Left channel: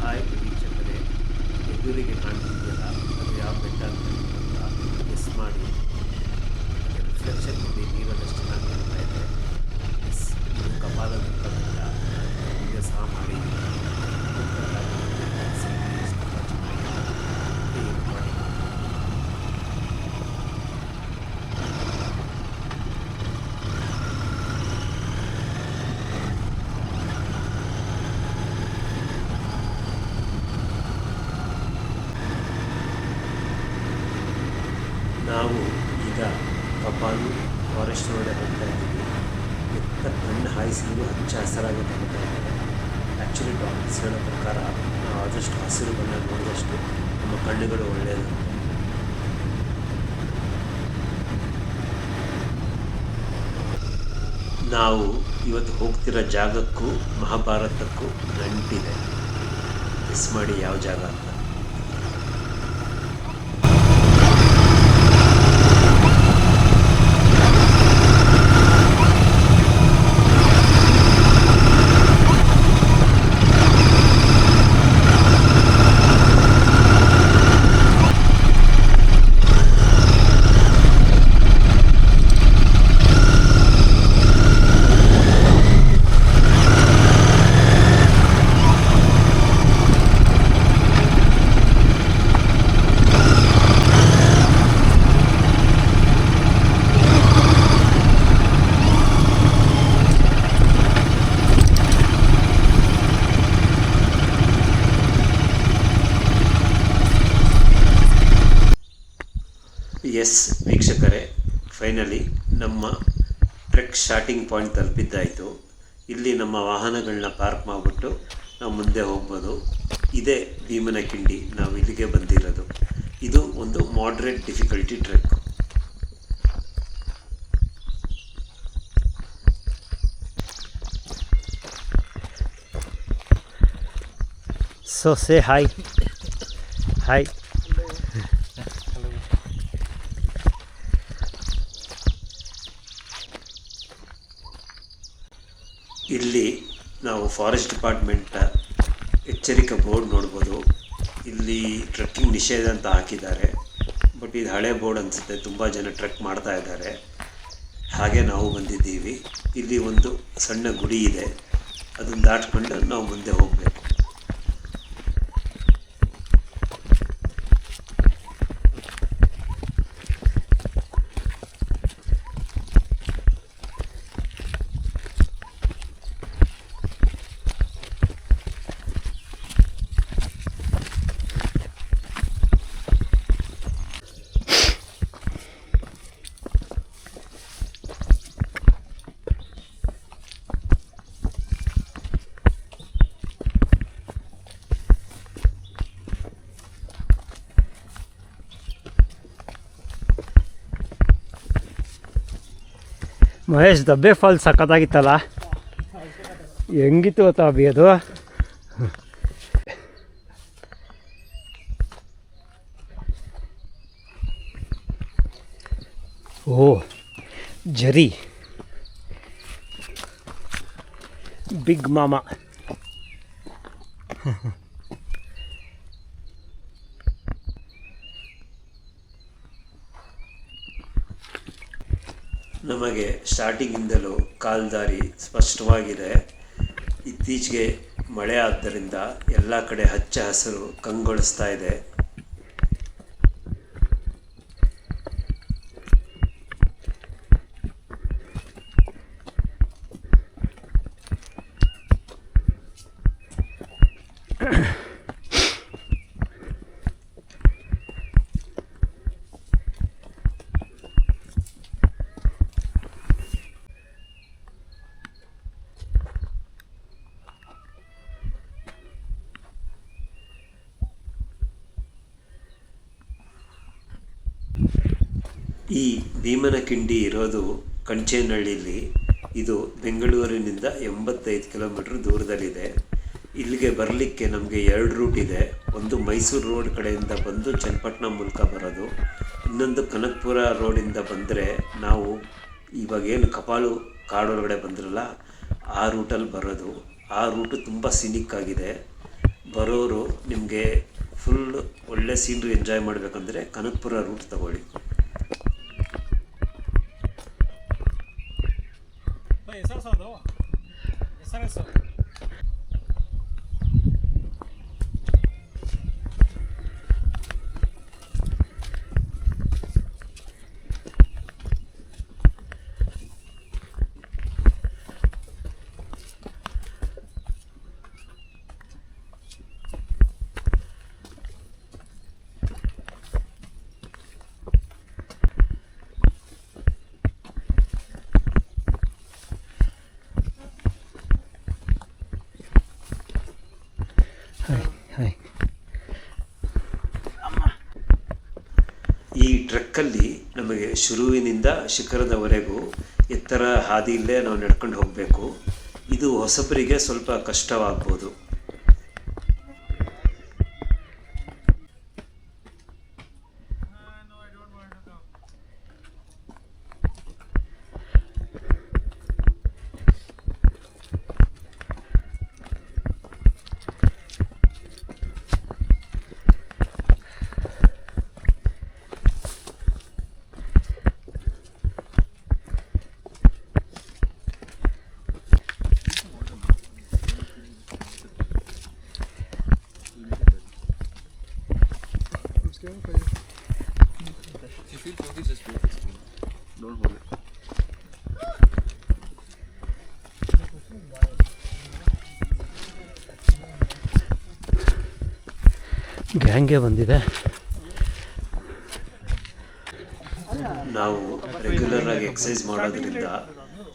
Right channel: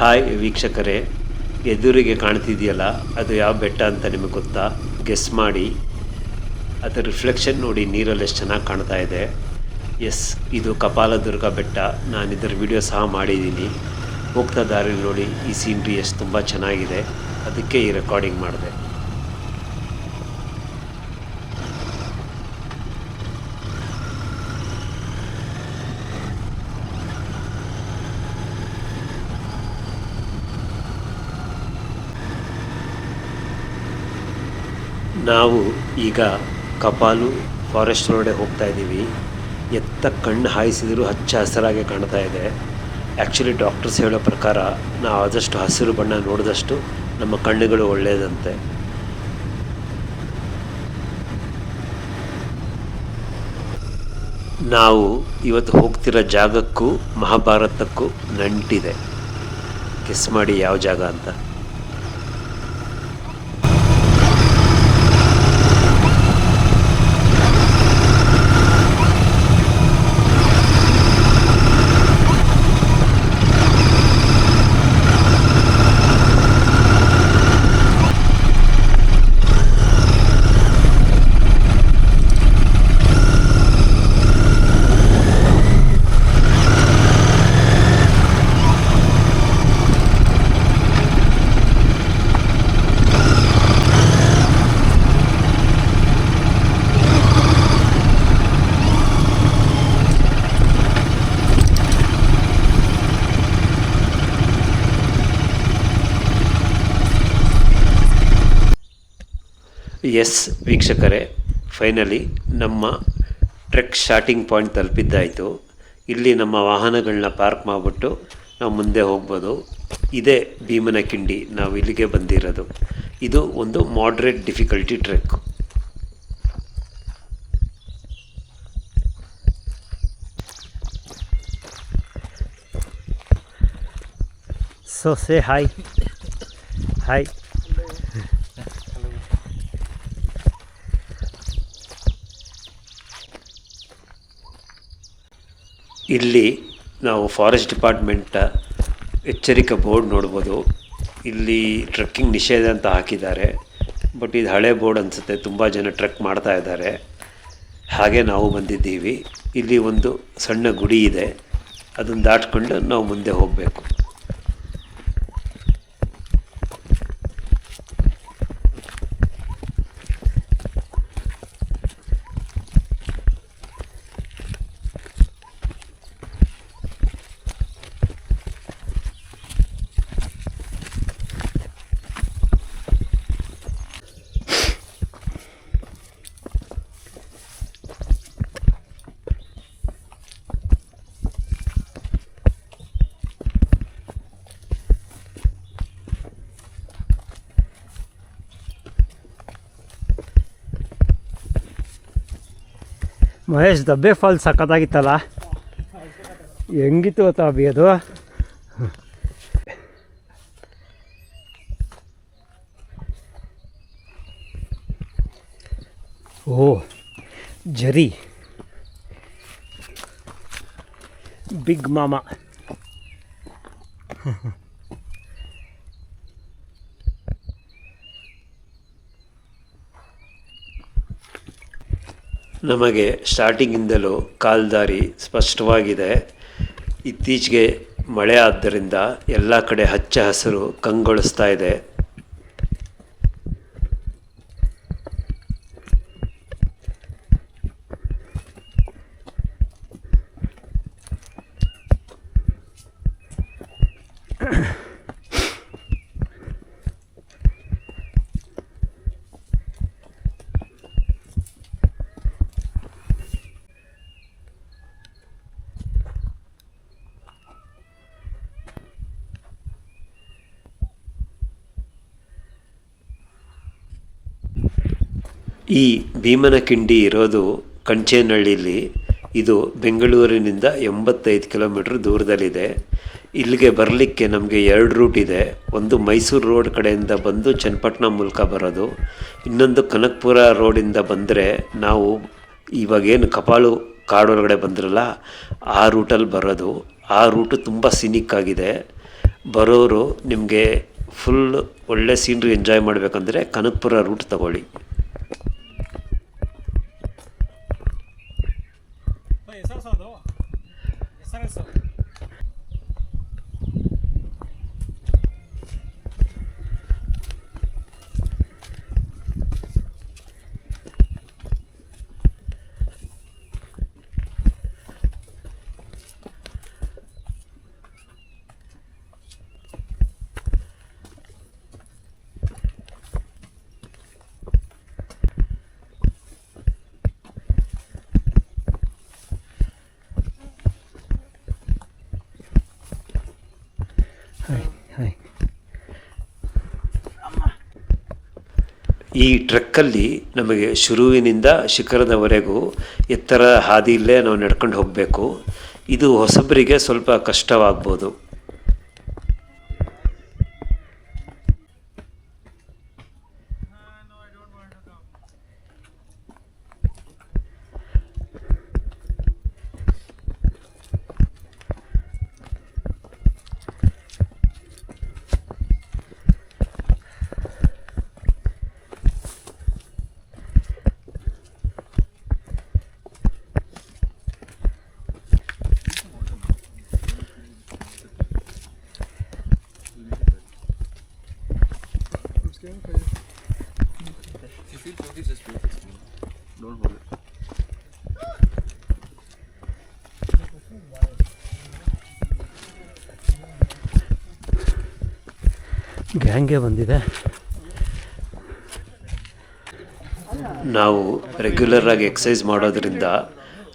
Hi ವೀಕ್ಷಕರೇ, ಎದುರಿಗೆ ಕಾಣ್ತಿದೆಯಲ್ಲ ಅದು ಯಾವ ಬೆಟ್ಟ ಅಂತ ನಿಮಗೆ ಗೊತ್ತಾ? ಗೆಸ್ ಮಾಡಿ. ಅದರ ರಿಫ್ಲೆಕ್ಷನ್ ನೋಡಿ ನೀರಲ್ಲಿ ಎಷ್ಟು ಚೆನ್ನಾಗಿ ಕಾಣ್ತಾ ಇದೆ. ಎಸ್, ಇದು ಕಪಾಲದುರ್ಗ ಬೆಟ್ಟ. ನಾನು ಇದರ ವಿಡಿಯೋ ಸಹ ಮಾಡಿದ್ದೀನಿ. ಹೋಗ್ತಾ ದಾರಿ ನೋಡಿ ಈ ಸೀನ್ರಿ ಎಷ್ಟು ತುಂಬ ಚೆನ್ನಾಗಿದೆ, ಅದಕ್ಕೆ ಈ ರೆಕಾರ್ಡಿಂಗ್ ಮಾಡಿದೆ. ನಾವು ಈಗ ಕಪಾಲು ಫಾರೆಸ್ಟ್ ರೋಡೇ ಹೋಗ್ತಾ ಇದ್ದೀವಿ. ಎತ್ತ ಕಣ್ಣು ಹಾಯಿಸಿದರೂ ಹಚ್ಚ ಹಸಿರಾಗೆ ಕಾಣ್ತಾ ಇದೆ. ಆ್ಯಕ್ಚುಲಿ ಡಾಕ್ಟರ್ಸ್ ಹೇಳೋ ಪ್ರಕಾರ ನಾವು ಆದಷ್ಟು ಹಸಿರು ಬಣ್ಣ ನೋಡಿದಷ್ಟು ನಮ್ಮ ಕಣ್ಣುಗಳು ಒಳ್ಳೆಯದಂತೆ. ನಾವು ಇವತ್ತು ಹೋಗ್ತಿರೋ ಜಾಗಕ್ಕೂ ಮಹಾಭಾರತಕ್ಕೂ ನಂಟಿದೆ. ಗೆಸ್ ಮಾಡಿ ಯಾವ ಜಾಗ ಅಂತ. ಎಸ್ ವೀಕ್ಷಕರೇ, ಫೈನಲಿ ನಮ್ಮ ಟ್ರೆಕ್ ಸ್ಟಾರ್ಟಿಂಗ್ ಪಾಯಿಂಟ್ ತಲುಪಿದ್ದಾಯಿತು. ಇಲ್ಲಿ ನಮ್ಮ ವಾಹನಗಳನ್ನ ಪಾರ್ಕ್ ಮಾಡಿಬಿಟ್ಟು ನಾವು ಮುಂದೆ ಹೋಗ್ಬೋದು. ಇದೇ ಭೀಮನಕಿಂಡಿ, ನಾವು ಇಲ್ಲಿಗೆ ಬಂದಿರೋದು. ಇದು ಒಂದು moderate difficulty trek. So say hi. Hi. ಇಲ್ಲಿ ನಾವು ಫಾರೆಸ್ಟ್ ಡಿಪಾರ್ಟ್ಮೆಂಟ್ ಎಚ್ಚರಿಕೆ ಬೋರ್ಡ್ ನೋಡ್ಬೋದು. ಇಲ್ಲಿ ಟ್ರೆಕ್ಕಿಂಗ್ ನಿಷೇಧ ಅಂತ ಹಾಕಿದ್ದಾರೆ. ಬಟ್ ಇದು ಹಳೆ ಬೋರ್ಡ್ ಅನಿಸುತ್ತೆ, ತುಂಬ ಜನ ಟ್ರೆಕ್ ಮಾಡ್ತಾ ಇದ್ದಾರೆ. ಹಾಗೆ ನಾವು ಬಂದಿದ್ದೀವಿ. ಇಲ್ಲಿ ಒಂದು ಸಣ್ಣ ಗುಡಿ ಇದೆ, ಅದನ್ನು ದಾಟ್ಕೊಂಡು ನಾವು ಮುಂದೆ ಹೋಗಬೇಕು. ಮಹೇಶ್, ದಬ್ಬೆ ಫಾಲ್ಸ್ ಸಖತ್ತಾಗಿತ್ತಲ್ಲ, ಹೆಂಗಿತ್ತು ಗೊತ್ತಾ ಅಭಿ ಅದು? ಓ ಜರಿ, ಬಿಗ್ ಮಾಮ. ನಮಗೆ ಸ್ಟಾರ್ಟಿಂಗಿಂದಲೂ ಕಾಲ್ದಾರಿ ಸ್ಪಷ್ಟವಾಗಿದೆ. ಇತ್ತೀಚೆಗೆ ಮಳೆ ಆದ್ದರಿಂದ ಎಲ್ಲ ಕಡೆ ಹಚ್ಚ ಹಸಿರು ಕಂಗೊಳಿಸ್ತಾ ಇದೆ. ಈ ಭೀಮನಕಿಂಡಿ ಇರೋದು ಕಂಚೇನಹಳ್ಳಿಲಿ. ಇದು ಬೆಂಗಳೂರಿನಿಂದ 85 ಕಿಲೋಮೀಟ್ರ್ ದೂರದಲ್ಲಿದೆ. ಇಲ್ಲಿಗೆ ಬರಲಿಕ್ಕೆ ನಮಗೆ 2 ರೂಟ್ ಇದೆ. ಒಂದು ಮೈಸೂರು ರೋಡ್ ಕಡೆಯಿಂದ ಬಂದು ಚನ್ನಪಟ್ಟಣ ಮೂಲಕ ಬರೋದು, ಇನ್ನೊಂದು ಕನಕಪುರ ರೋಡಿಂದ ಬಂದರೆ ನಾವು ಇವಾಗೇನು ಕಪಾಲು ಕಾಡೊಳಗಡೆ ಬಂದ್ರಲ್ಲ ಆ ರೂಟಲ್ಲಿ ಬರೋದು. ಆ ರೂಟು ತುಂಬ ಸಿನಿಕ್ ಆಗಿದೆ. ಬರೋರು ನಿಮಗೆ ಫುಲ್ ಒಳ್ಳೆ ಸೀನ್ರಿ ಎಂಜಾಯ್ ಮಾಡಬೇಕಂದ್ರೆ ಕನಕಪುರ ರೂಟ್ ತಗೊಳ್ಳಿ. ಹಾಯ್. ಈ ಟ್ರೆಕ್ಕಲ್ಲಿ ನಮಗೆ ಶುರುವಿನಿಂದ ಶಿಖರದವರೆಗೂ ಎತ್ತರ ಹಾದಿಯಲ್ಲೇ ನಾವು ನಡ್ಕೊಂಡು ಹೋಗಬೇಕು. ಇದು ಹೊಸಬರಿಗೆ ಸ್ವಲ್ಪ ಕಷ್ಟವಾಗ್ಬೋದು. ಗ್ಯಾಂಗೆ ಬಂದಿದೆ. ನಾವು ರೆಗ್ಯುಲರಾಗಿ ಎಕ್ಸಸೈಸ್ ಮಾಡೋದ್ರಿಂದ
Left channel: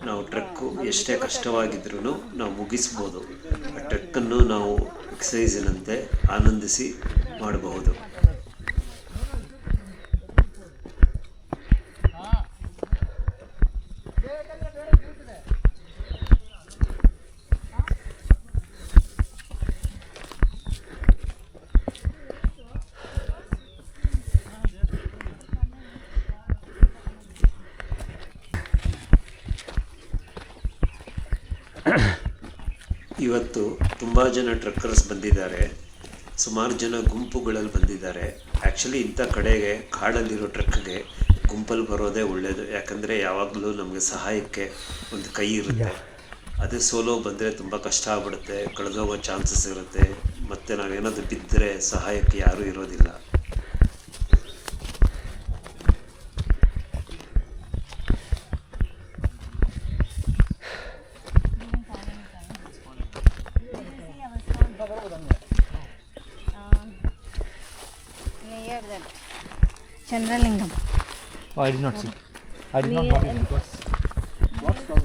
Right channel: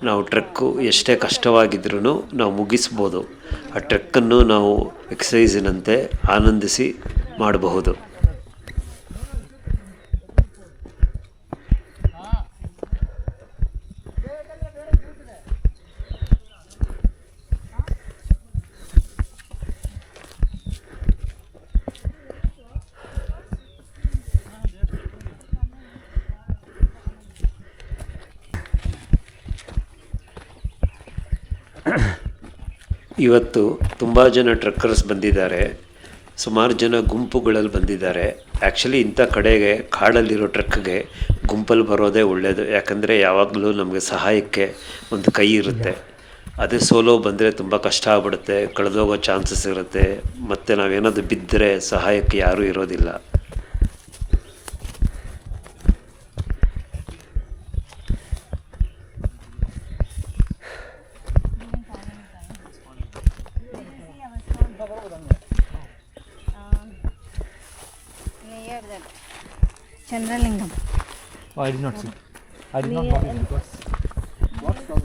ನಾವು ಟ್ರೆಕ್ಕು ಎಷ್ಟೇ ಕಷ್ಟವಾಗಿದ್ರೂ ನಾವು ಮುಗಿಸ್ಬೋದು. ಆ ಟ್ರೆಕ್ಕನ್ನು ನಾವು ಎಕ್ಸಸೈಸಿನಂತೆ ಆನಂದಿಸಿ ಮಾಡಬಹುದು. ಇವತ್ತು ತುಂಬ ಜನ ಟ್ರೆಕ್ಕರ್ಸ್ ಬಂದಿದ್ದಾರೆ. ಸುಮಾರು ಜನ ಗುಂಪುಗಳಲ್ಲಿ ಬಂದಿದ್ದಾರೆ. ಆ್ಯಕ್ಚುಲಿ ಇಂಥ ಕಡೆಗೆ ಕಾಡಲ್ಲಿರೋ ಟ್ರೆಕ್ಗೆ ಗುಂಪಲ್ಲಿ ಬರೋದೇ ಒಳ್ಳೆಯದು. ಯಾಕಂದರೆ ಯಾವಾಗಲೂ ನಮಗೆ ಸಹಾಯಕ್ಕೆ ಒಂದು ಕೈ ಇರುತ್ತೆ. ಅದೇ ಸೋಲೋ ಬಂದರೆ ತುಂಬ ಕಷ್ಟ ಆಗ್ಬಿಡುತ್ತೆ, ಕಳೆದೋಗೋ ಚಾನ್ಸಸ್ ಇರುತ್ತೆ, ಮತ್ತು ನಾವೇನಾದರೂ ಬಿದ್ದರೆ ಸಹಾಯಕ್ಕೆ ಯಾರೂ ಇರೋದಿಲ್ಲ. Chandralingam. Oh, I did not see. I did not notice because what's from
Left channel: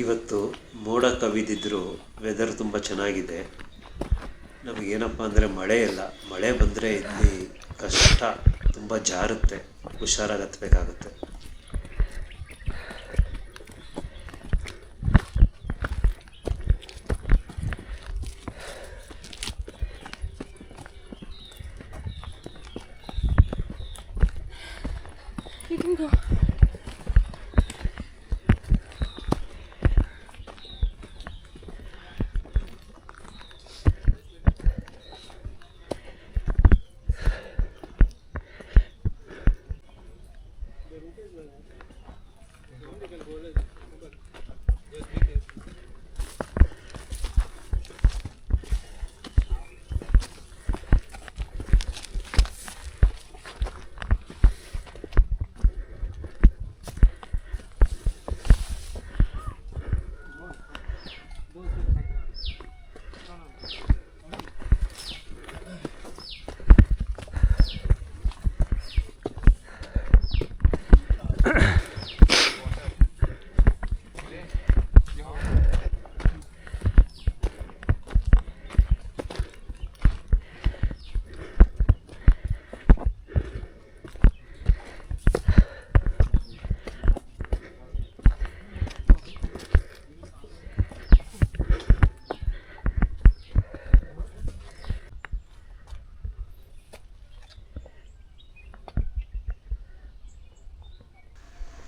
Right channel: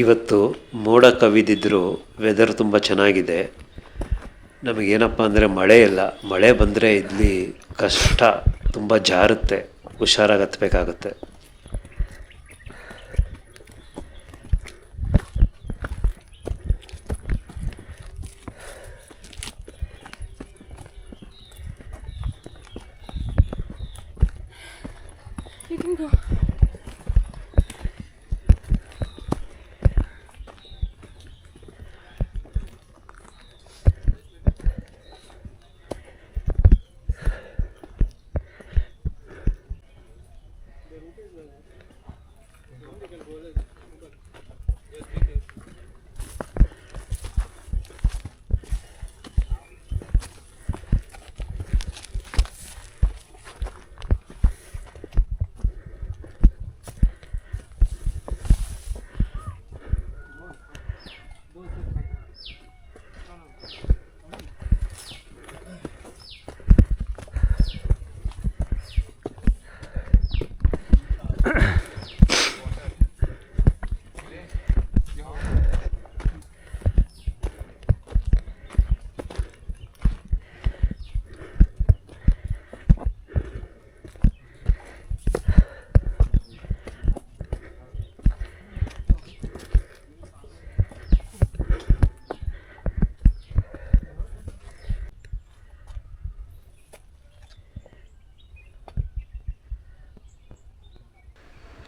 ಇವತ್ತು ಮೋಡ ಕವಿದಿದ್ದರೂ ವೆದರ್ ತುಂಬ ಚೆನ್ನಾಗಿದೆ. ನಮಗೇನಪ್ಪ ಅಂದರೆ ಮಳೆ ಇಲ್ಲ. ಮಳೆ ಬಂದರೆ ಇಲ್ಲಿ ಕಷ್ಟ, ತುಂಬ ಜಾರುತ್ತೆ, ಹುಷಾರಾಗಿ ಹತ್ತಬೇಕಾಗತ್ತೆ. You can go.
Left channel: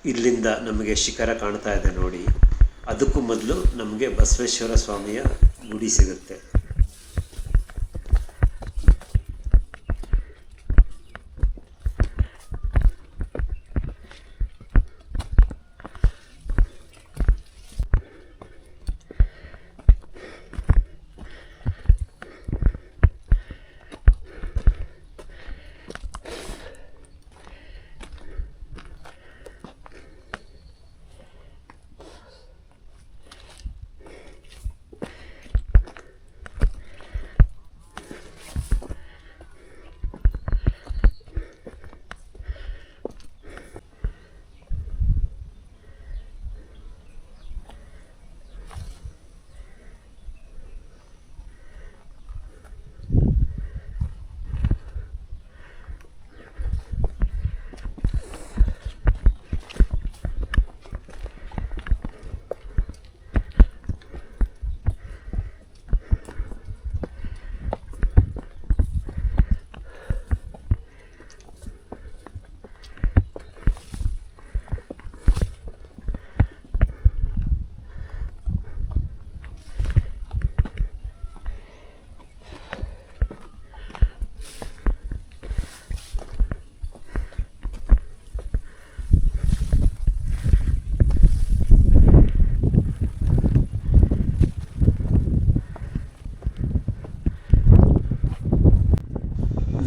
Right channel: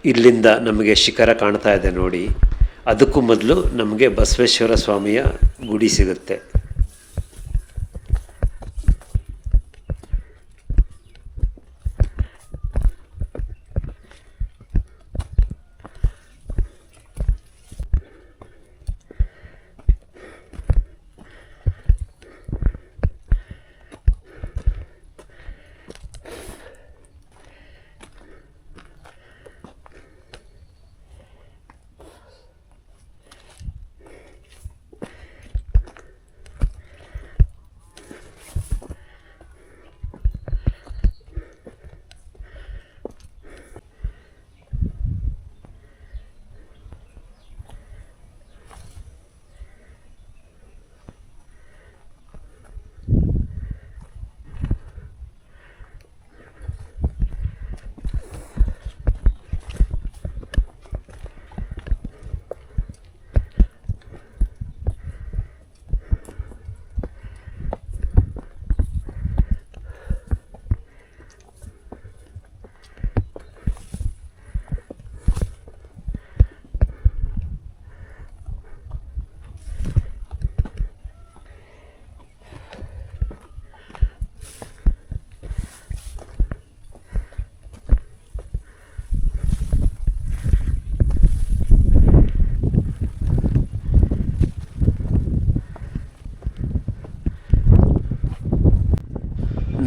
ಇಲ್ಲಿಂದ ನಮಗೆ ಶಿಖರ ಕಾಣ್ತಾ ಇದೆ ನೋಡಿ. ಅದಕ್ಕೂ ಮೊದಲು ನಮಗೆ ಬಸವೇಶ್ವರ ಸ್ವಾಮಿಯ ಗುಡಿ ಸಿಗುತ್ತೆ.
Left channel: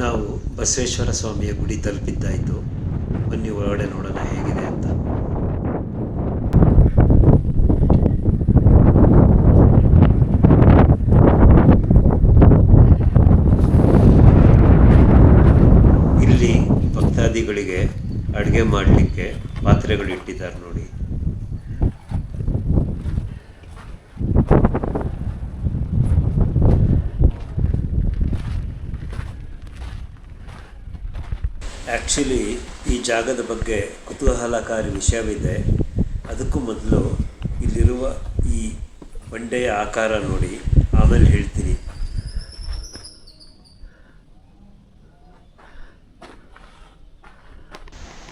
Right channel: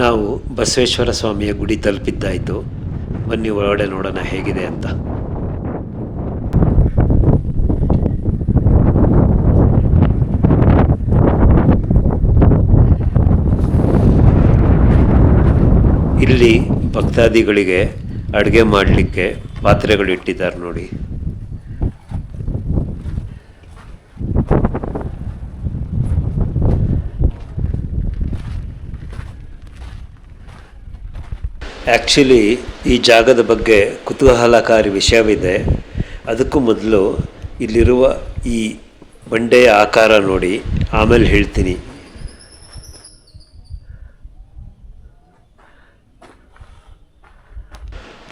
ನಾವು ಬಸವೇಶ್ವರ ಸ್ವಾಮಿಯ ಗುಡಿ ತಲುಪಿದ್ದಾಯಿತು. ಬನ್ನಿ ಒಳಗಡೆ ನೋಡೋಣ ಹೇಗಿದೆ ಅಂತ. ಇಲ್ಲಿ ಭಕ್ತಾದಿಗಳಿಗೆ ಅಡುಗೆ ಮಾಡಲಿಕ್ಕೆ ಪಾತ್ರೆಗಳು ಇಟ್ಟಿದ್ದಾರೆ ನೋಡಿ. ಆ್ಯಕ್ಚುಲಿ ಈ ಜಾಗದ ಬಗ್ಗೆ ಕುತೂಹಲಕಾರಿ ವಿಷಯವಿದೆ. ಅದಕ್ಕೂ ಮೊದಲು ಇಲ್ಲಿರುವ ಈ ಬಂಡೆಯ ಆಕಾರ ನೋಡಿ, ಆಮೇಲೆ ಹೇಳ್ತೀನಿ.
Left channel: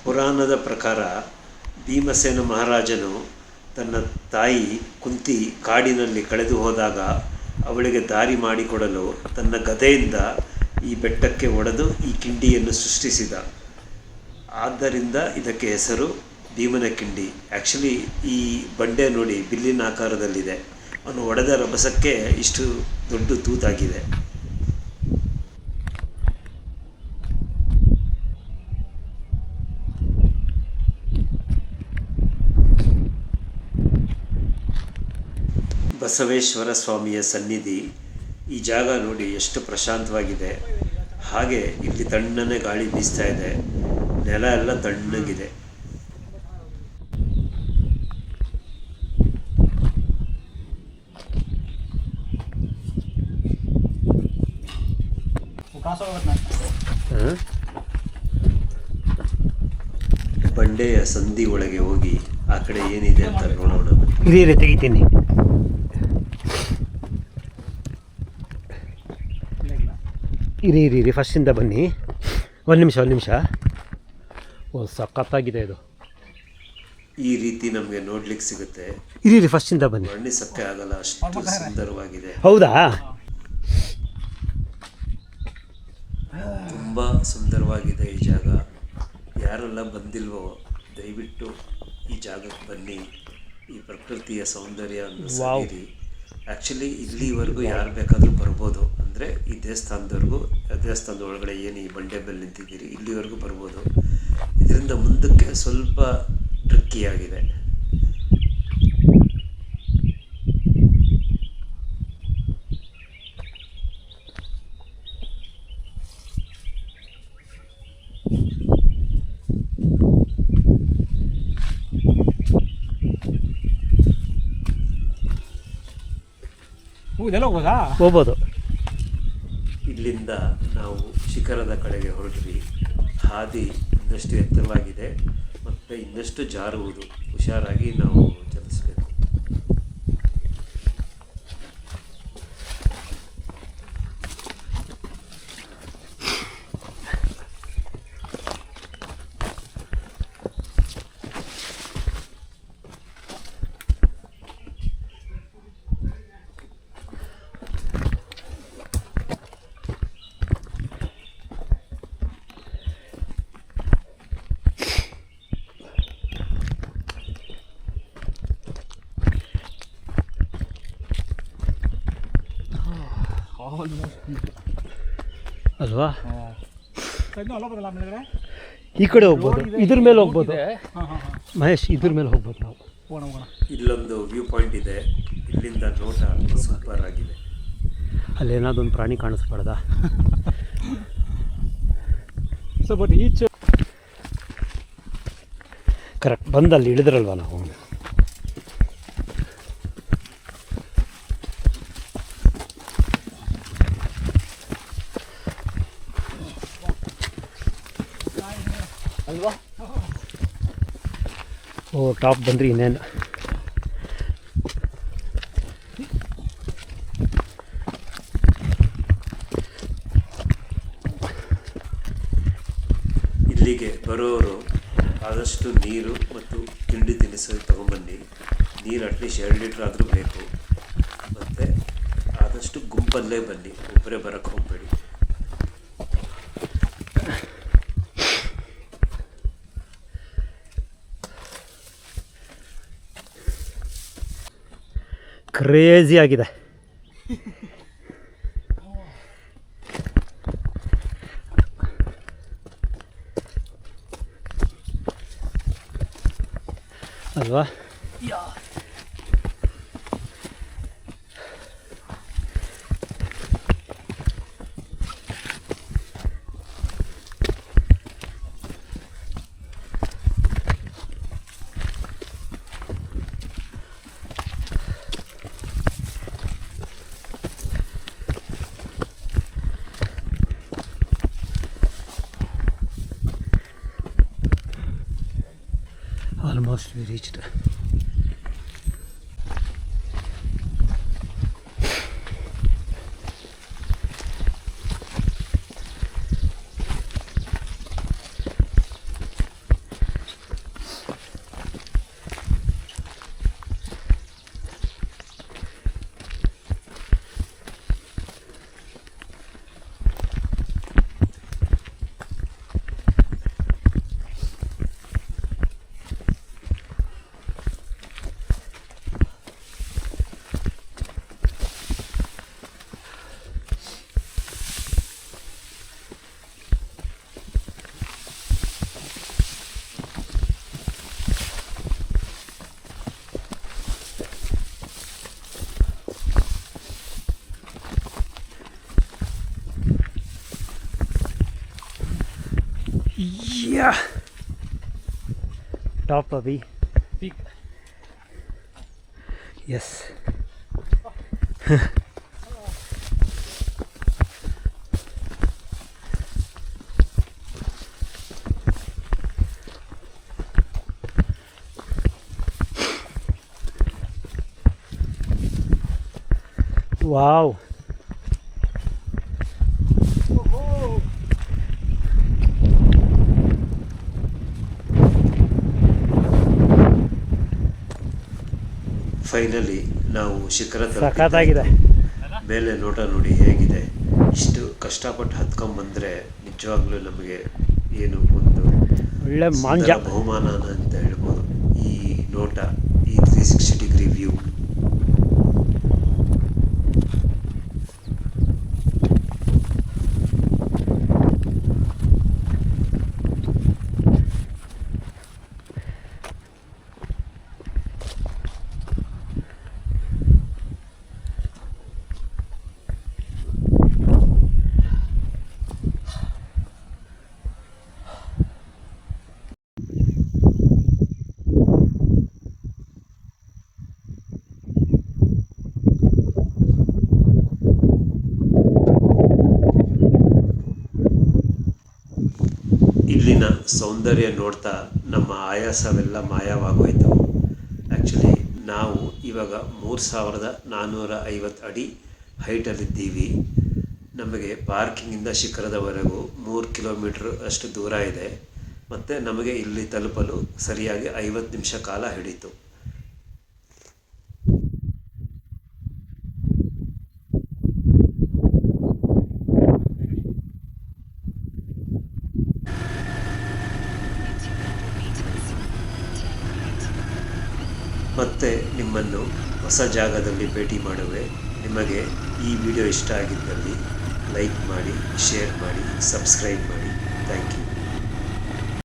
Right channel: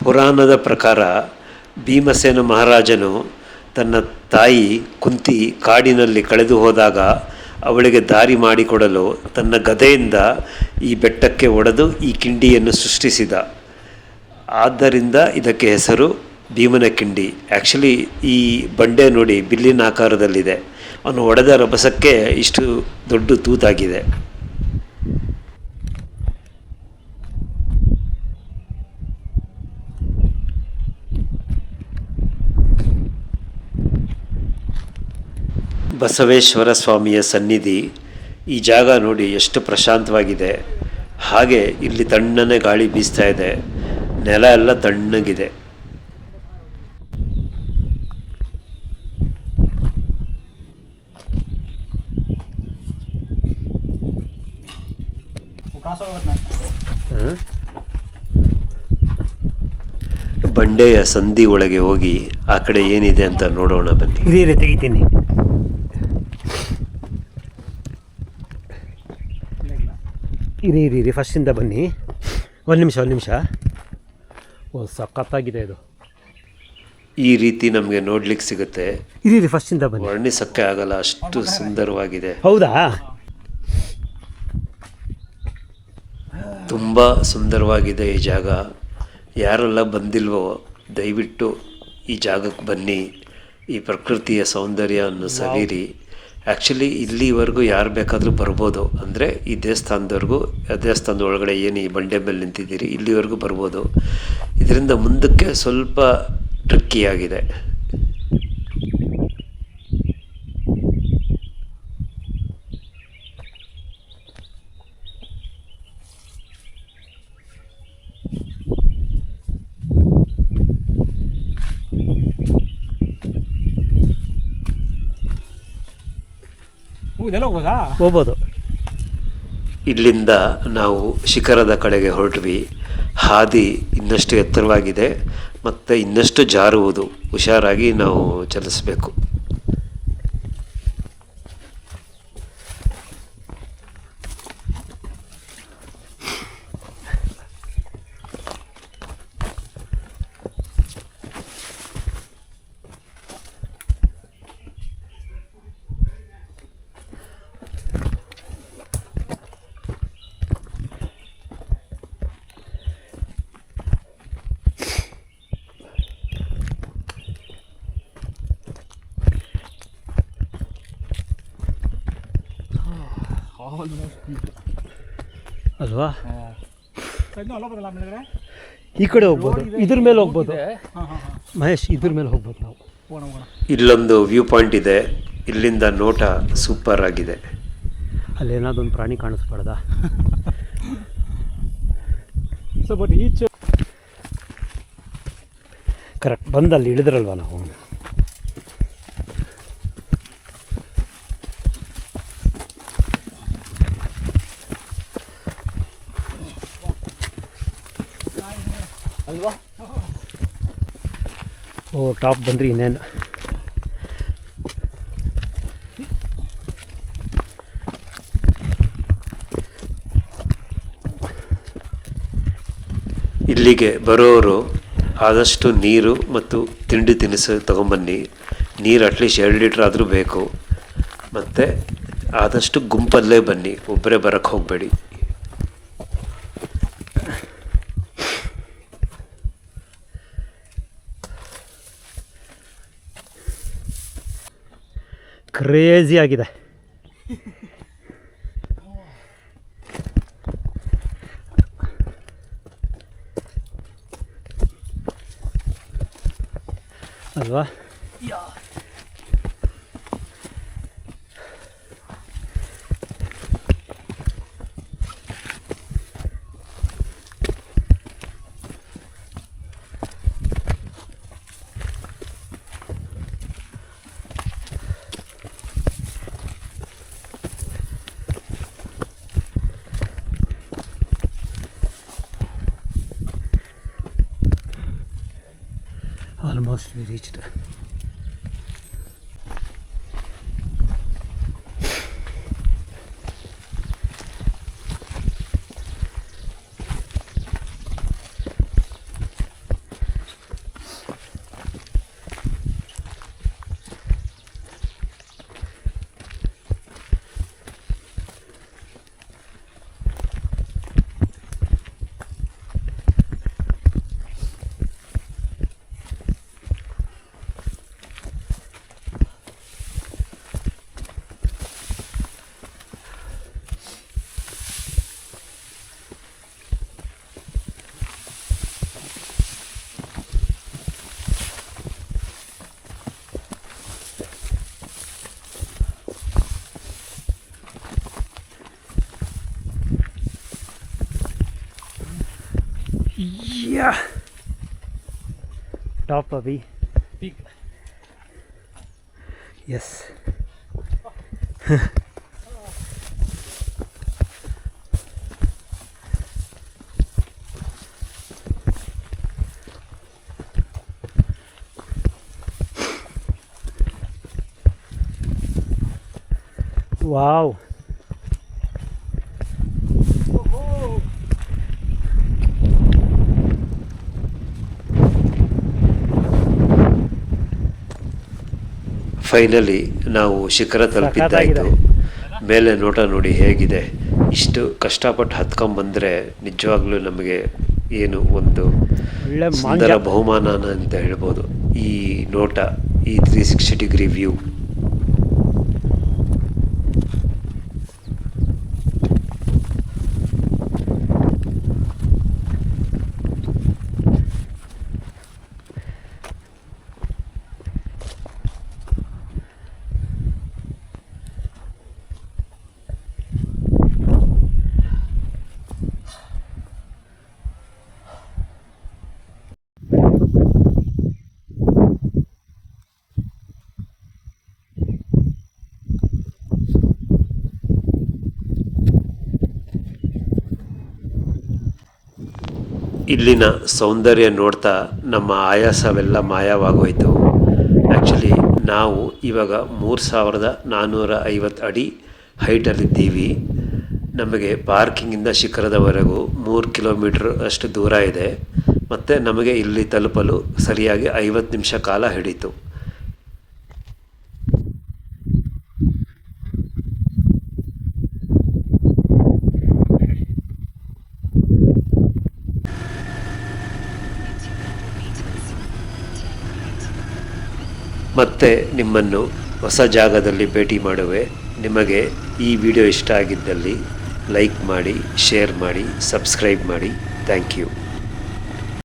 ಪುರಾಣದ ಪ್ರಕಾರ ಭೀಮಸೇನ ಮಹಾರಾಜನು ತನ್ನ ತಾಯಿ ಕುಂತಿ ಕಾಡಿನಲ್ಲಿ ಕಳೆದು ಹೋದಾಗ ಅವಳಿಗೆ ದಾರಿ ಮಾಡಿಕೊಡಲು ತನ್ನ ಗದೆಯಿಂದ ಈ ಬೆಟ್ಟಕ್ಕೆ ಒಡೆದು ಈ ಕಿಂಡಿಯನ್ನು ಸೃಷ್ಟಿಸಿದ. ಆದ್ದರಿಂದ ಇದಕ್ಕೆ ಹೆಸರು ಭೀಮನ ಕಿಂಡಿ. ಆ್ಯಕ್ಚುಲಿ ಈ ಬಂಡೆ ನೋಡಿ ಬಿಲ್ಲಿನ ಆಕಾರದಲ್ಲಿದೆ. ಅವನು ಒಡೆದ ರಭಸಕ್ಕೆ ಇಷ್ಟು ದೊಡ್ಡ ತೂತಾಗಿದೆ. ಬಸವೇಶ್ವರ ಸ್ವಾಮಿಯ ಸನ್ನಿಧಿ. ಈ ಜಾಗ ನೋಡಿ ಎಷ್ಟು ಪ್ರಶಾಂತವಾಗಿದೆ. ಹಾಗೆ ಇಲ್ಲಿ ತಣ್ಣನೆ ಗಾಳಿ ಬೀಸ್ತಾ ಇದೆ. ನೆಲ ಎಲ್ಲ ತಣ್ಣಗಿದೆ. ಬಂಡೆಯ ಸಂಧಿ ಒಳಗೆ ಹೋಗಿ ಆ ಕಡೆ ಏನಿದೆ ಅಂತ ನೋಡೋಣ ಬನ್ನಿ. ಇರಿ ತೆಗಿತೀನಿ. ಇರಿ ಫಸ್ಟಿಂದ ಬನ್ನಿ. ಒಂದು ನಿಮಿಷ. ಓ ಸಖತ್ತಾಗಿದೆ ಇದು. ಈ ರೀತಿ ನಮಗೆ ನೋಡ್ಲಿಕ್ಕೆ ಸಿಗುತ್ತೆ. ಇರಿ ಫಸ್ಟಿಂದ ಬನ್ನಿ. ವರ್ಣಿಸಕ್ಕೆ ಆಗಲ್ಲ, ಅಷ್ಟು ಸುಂದರವಾಗಿದೆ. ಹೌದಾ? ತುಂಬ ಸುಂದರವಾಗಿದೆ ಈ ಜಾಗ. ಯಾರೆಲ್ಲ ಬಂದಿಲ್ವೋ ದಯವಿಟ್ಟು ಈ ಜಾಗಕ್ಕೆ ಬನ್ನಿ. ಈ ಪ್ರಕೃತಿಯ ಸೌಂದರ್ಯವನ್ನು ಸವಿರಿ. ಆ್ಯಕ್ಚುಲಿ ಇಲ್ಲಿವರೆಗೂ ಯಾರು ಬೇಕಾದರೂ ಬರ್ಬೋದು. ಅಂದರೆ ಈ ದೇವಸ್ಥಾನದವರೆಗೂ, ದೇವಸ್ಥಾನದ ಒಳಗಡೆ ಏನು ಈ ಬಂಡೆ ಮೇಲೆ ನಿಂತಿದ್ದೀರಿ ಇಲ್ಲಿವರೆಗೂ ಬರ್ಬೋದು. ಇದರಿಂದ ಮುಂದಕ್ಕೆ ಸ್ವಲ್ಪ ಟ್ರಿಕ್ಕಿಯಾಗಿದೆ. ಹೋಗ್ಬೋದು. ಇಲ್ಲಿಂದ ನಾವು ಶಿಖರದ ಕಡೆಗೆ ಹೊರಟ್ವಿ. ಹಾದಿ ಇನ್ನಷ್ಟು ಎತ್ತರವಾಗಿದೆ ಮತ್ತು ಇನ್ನಷ್ಟು ಜಾರುವುದು. ಹುಷಾರಾಗಿ ನಾವು ಚಲಿಸಬೇಕು. ಅಲ್ವಾ? ಇನ್ನೂ ಅಲ್ಲ ಬರಲ್ಲ ಮೇಲ್ಗಡೆ. ಈ ಕಡೆ ಹೋಗ್ಬೋದು, ಇದ್ರ ಮೇಲೆ ಹೋಗ್ಬೋದು ಹಾಂ ಹಾಂ ಹಾಂ, ಮಹೇಶ್, ಇದ್ರ ಮೇಲೆ ಹೋಗ್ಬೋದು ನಾವು. ಹೋಗೋಣ ಹೋಗೋಣ. ಇಲ್ಲೊಂದು ವ್ಯೂ ಪಾಯಿಂಟ್ ಇದೆ, ಇಲ್ಲಿಂದ ನೋಟ ಸೂಪರ್ ಆಗಿದೆ. ಅಲ್ಲಿ ಏನಾದ್ರು ಒಂದು ಪ್ರಾಣಿ ಕಾಣಿಸ್ಬಾರ್ದಾ? ಸೊ ಬಟ್ ಈಚ್ ಕರೆಕ್ಟ್, ಬಂದಲ್ಲಿ ಇಳಿದ್ರಲ್ವ ನಾವು. ಅಲ್ವಾ? ಓ, ಟಾಪ್ ಬಂದ್ರಿ ಇನ್ನೇನು. ಇಲ್ಲಿಗೆ ಬರೋರು ಆದಷ್ಟು ನೀರು ಮತ್ತು ತಿಂಡಿ ತಿನಿಸು ತೊಗೊಂಬನ್ನಿ. ನೀರು ಅಟ್ಲೀಸ್ಟ್ 2 ಲೀಟ್ರ್ ಆದರೂ ಬೇಕು. ಮತ್ತು ಆದಷ್ಟು ಗುಂಪಲ್ಲೇ ಬನ್ನಿ, ಒಬ್ಬರೇ ಬರೋಕ್ಕೆ ಹೋಗಬೇಡಿ. ಕ್ರೇಜಿ ಆಗಿದೆ. ಅಲ್ವಾ? Almost we reached. Yeah. Top Abhi. peak. Yes. Wow. Finally ನಾವು ಶಿಖರ ಸಖತ್ತಾಗಿದೆ. ತಲುಪಿದ್ದಾಯಿತು. ಮೇಲೆ ನೋಟ ನೋಡಿ ಹೇಗಿದೆ. ಇಷ್ಟು ಕಷ್ಟಪಟ್ಟು ಹತ್ಕೊಂಬಂದರೆ ನಿಜವಾಗ್ಲೂ ನಮಗೆ ಏನು ಒಂದು ಒಳ್ಳೆ ಮಾಂಜ. ಸುಂದರ ಬಹುಮಾನ ಅಂತ ಹೇಳ್ಬೋದು. ಈ ನೋಟ, ಈ 360 ಡಿಗ್ರಿ ವ್ಯೂ. ಇಲ್ಲಿನ ಸೌಂದರ್ಯ ನೋಡ್ತಾ ನಮ್ಮ ಆಯಾಸವೆಲ್ಲ ಮಾಯವಾಗೋಯ್ತು. ಆ್ಯಕ್ಚುಲಿ ನಾವು ಇವಾಗ 3450 ಅಡಿ ಹೈಟಲ್ಲಿದ್ದೀವಿ. ನಮಗೆ ಪಾರ್ಕಿಂಗಿಂದ ಶಿಖರದವರೆಗೂ 3 ಕಿಲೋಮೀಟ್ರ್ ಅಷ್ಟು ದೂರ ಇದೆ. ಮತ್ತು ನಮಗೆ ಇಲ್ಲಿ ತಲುಪಲು ಸರಿಯಾಗಿ 50 ನಿಮಿಷ ಕಾಲ ಹಿಡಿತು. ಮತ್ತೆ ನಿಮ್ಮನ್ನು ಹೊಸ ಜಾಗದಲ್ಲಿ ಭೇಟಿ ಮಾಡುವೆ. ನಿಮಗೆ ಈ ವಿಡಿಯೋ ಇಷ್ಟ ಆಗಿದ್ದಲ್ಲಿ ಲೈಕ್ ಮಾಡಿ, ಶೇರ್ ಮಾಡಿ, ಸಬ್ಸ್ಕ್ರೈಬ್ ಮಾಡಿ. Thank you.